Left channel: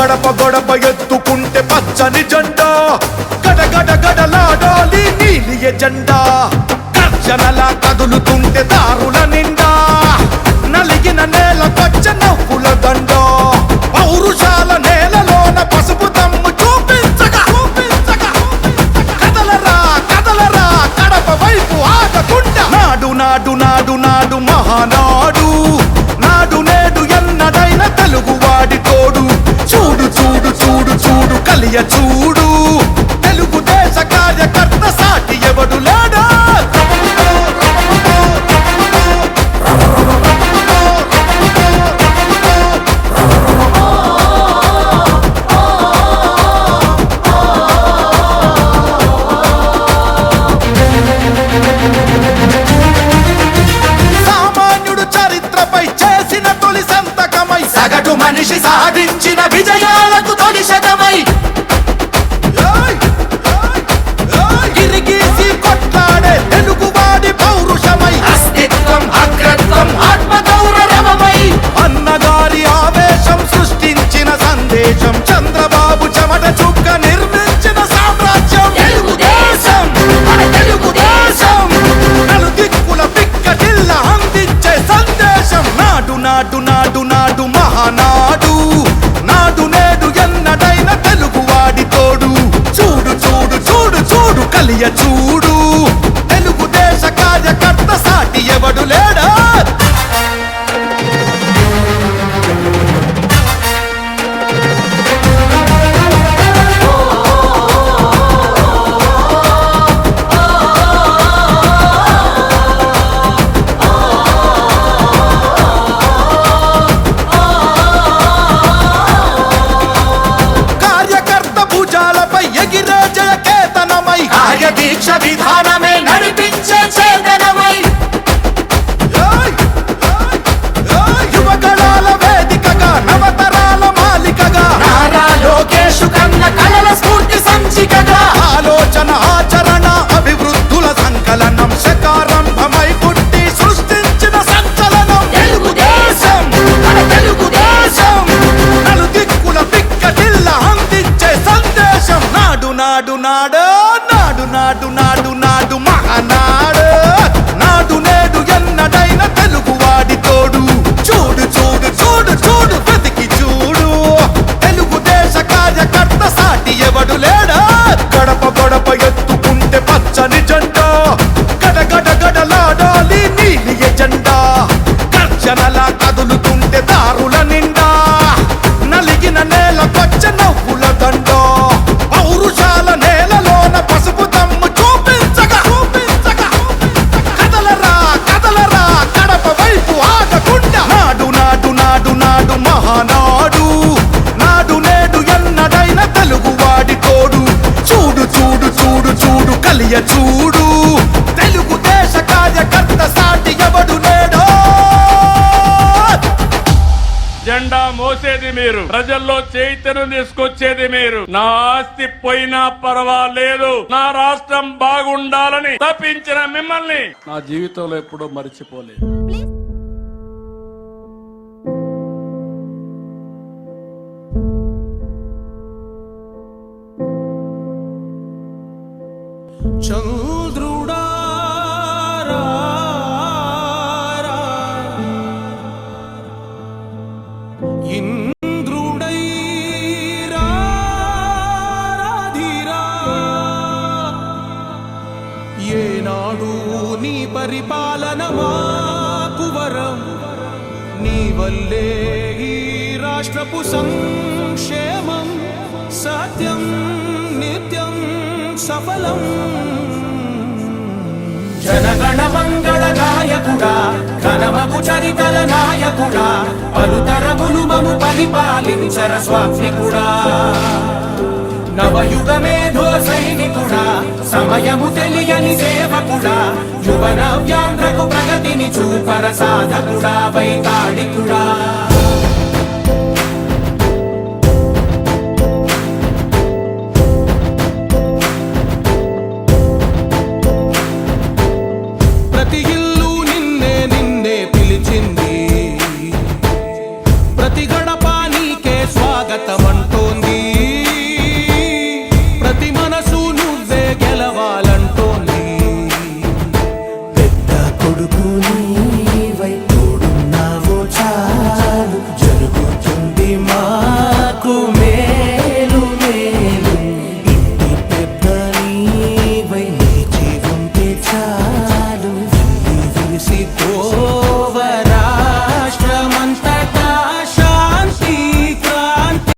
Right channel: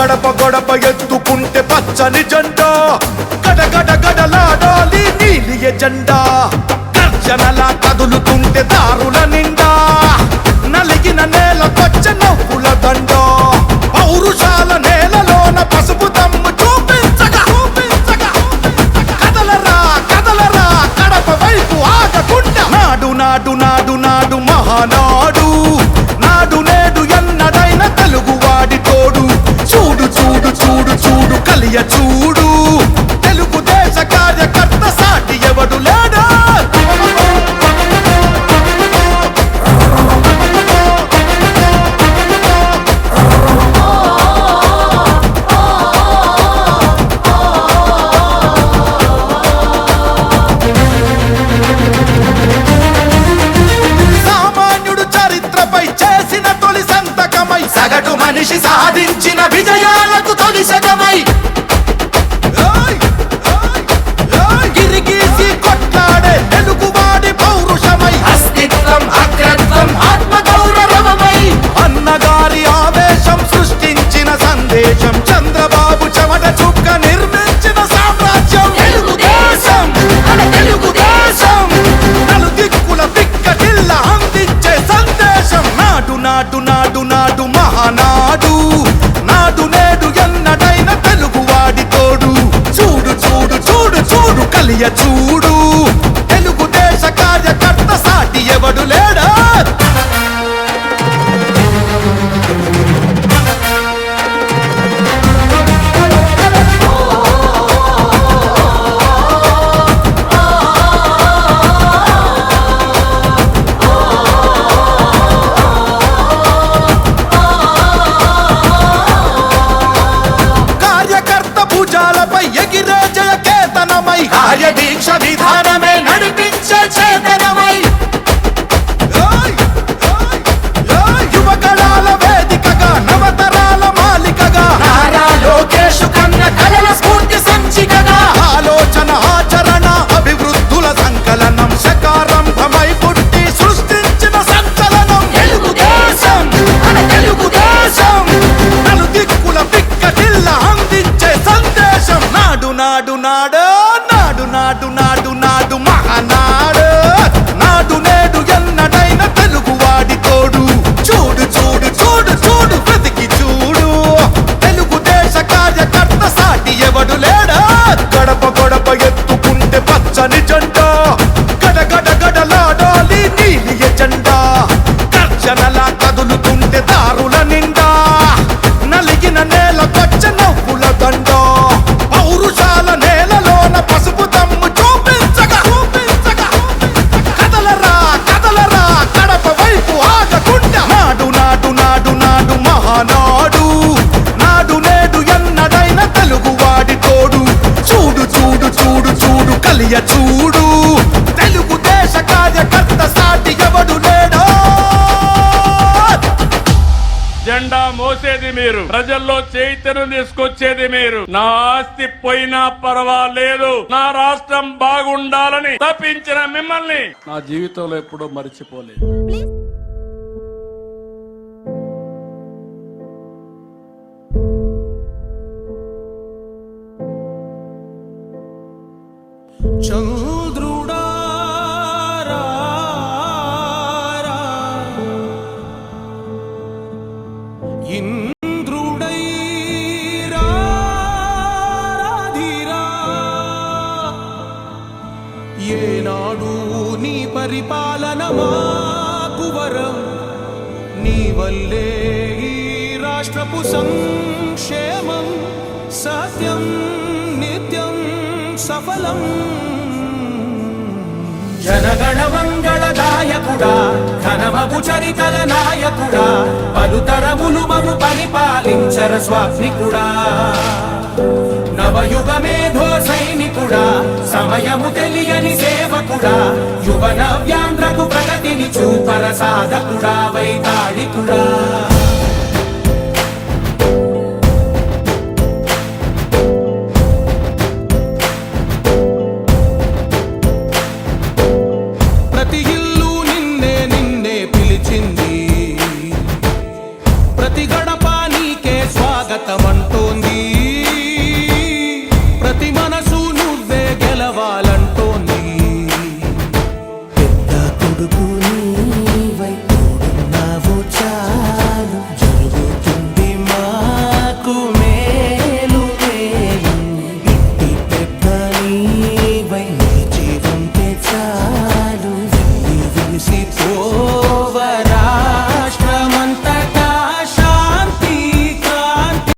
గడప గడప ఎత్తుకుంటే పచ్చని జెండా గడగడ గడలాడాలి నీలి ఎజెండా గర్జనలా కదులుతుంటే దారుల నిండా నలిగిన నేలకొచ్చ నవ్వుల దండ పౌరుషాల నేలలోన పసుపు దమ్ము చూపించగా కదలరా కదలరా కడప వైపు ఆగకుండా నాడు నాడు నాడు నాడు మహానాడు నాడు నేడు ఎన్నడైన తెలుగువాడి తోడు చూడు చూడు చూడు చూడు కలియ చూడు తెలుగుదేశ కార్యకర్త సాటి ఎవడు లేడా చరిత్రపై చేసిన తొలి సంతకమై సగటు మనిషి సాధించిన విజయాలకు తొలి శకమై గిరిగీసి కొట్లాడే తెలుగువాడి పౌరుషమై అస్తిత్వం అగ్రత్వం ఆత్మగౌరవమై అన్నగారి ఆవేశం సృష్టించిన సందేశం చంద్రబాబు చెమట చుక్క నిర్మించిన సామ్రాజ్యం తెలుగుదేశం మన తెలుగుదేశం నలుదిక్కుల పిక్కటిల్ల అందించే సందేశం నాడు నాడు నాడు నాడు మహానాడు నాడు నేడు ఎన్నడైన తెలుగువాడి తోడు చూడు చూడు చూడు చూడు కలియ చూడు తెలుగుదేశ కార్యకర్త సాటి ఎవడు లేడా భుజాలపై ఎగిరే జయ కేతనమై కార్య దీక్ష విధానమే నడిపించే చేతనమై యువగళాల వేదికగా నవతరాల మాలికగా నారా లోకేష్ కన్న కలల స్ఫూర్తి సంచికగా ఆలోచన ఆచరణ అభివృద్ధుల సంకలనం శకారంభమై పుట్టి సృష్టించిన సంచలనం తెలుగుదేశం మన తెలుగుదేశం నలుదిక్కుల పిక్కటిల్ల అందించే సందేశం నాడు నాడు నాడు నాడు నాడు నాడు నాడు మహానాడు నాడు నేడు ఎన్నడైన తెలుగువాడి తోడు చూడు చూడు చూడు చూడు వెతికి చూడు తెలుగుదేశ కార్యకర్త సాటి ఎవడు లేడా గడప గడప ఎత్తుకుంటే పచ్చని జెండా గడగడ గడలాడాలి నీలి ఎజెండా గర్జనలా కదులుతుంటే దారుల నిండా నలిగిన నేలకొచ్చ నవ్వుల దండ పౌరుషాల నేలలోన పసుపు దమ్ము చూపించగా కదలరా కదలరా కడప వైపు ఆగకుండా నాడు నాడు నాడు నాడు మహానాడు నాడు నేడు ఎన్నడైన తెలుగువాడి తోడు చూడు చూడు చూడు చూడు కలియ చూడు తెలుగుదేశ కార్యకర్త సాటి ఎవడు లేడో జెండా మోసేది మీరు, ప్రజల్లో చైతన్యం తీసుకొచ్చేది మీరు. నా ఆస్తి పోయినా పర్వాలేదు, నా రాష్ట్రం బాగుండాలని తప్పించిన మిమ్మల్ని నా జీవితంలో ఎప్పుడూ మర్చిపోలేదు. ఏనాడు నీ పరిపాలన మాకు వరం, నీ వల్లే ఈ రాష్ట్రపు సంక్షేమం సత్యం నిత్యం సఫలం. జనగణ మంగళ గాయకుడా, ఘనమగు చరితల నాయకుడా, పలుతరములు మము పరిపాలించర స్వామికుడా. నవయుగ మేధో సైనికుడా, సమయము తెలియని సేవకుడా, యువ నవ్యాంధ్రకు ప్రగతిని చూపర సాధకుడా, వైతాళికుడా. ప్రతి ఇల్లు నిన్నే నిన్నే పిలిచింది, ప్రతి గడప నీకే స్వాగతమంటోంది ప్రతి మనసు నువ్వే గెలవాలంటోంది పెద్ద కొడుకు